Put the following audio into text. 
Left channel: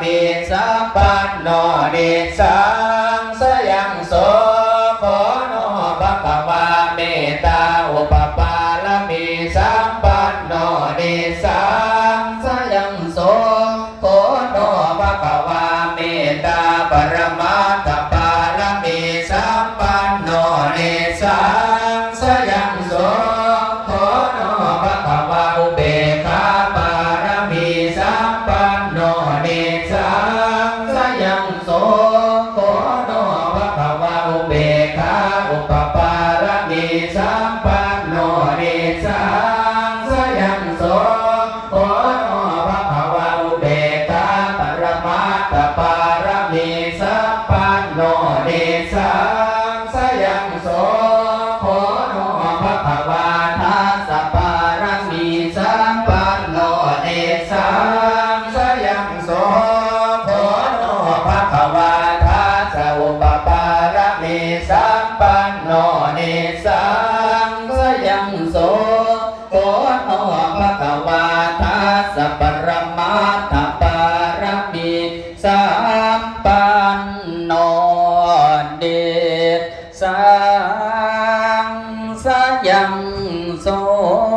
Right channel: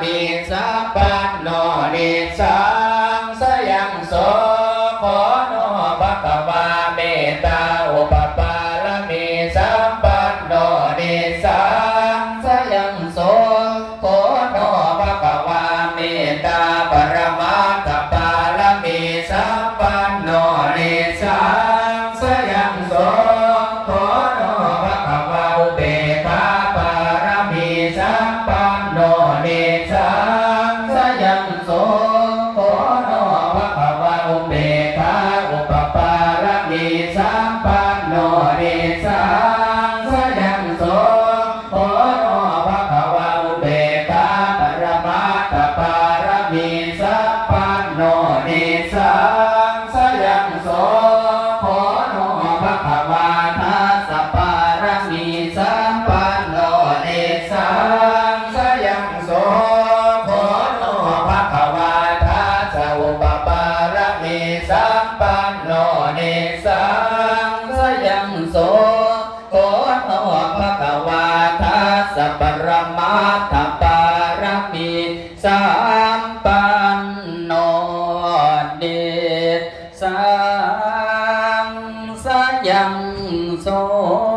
มิสัพพันโนนิส no sang sa dần số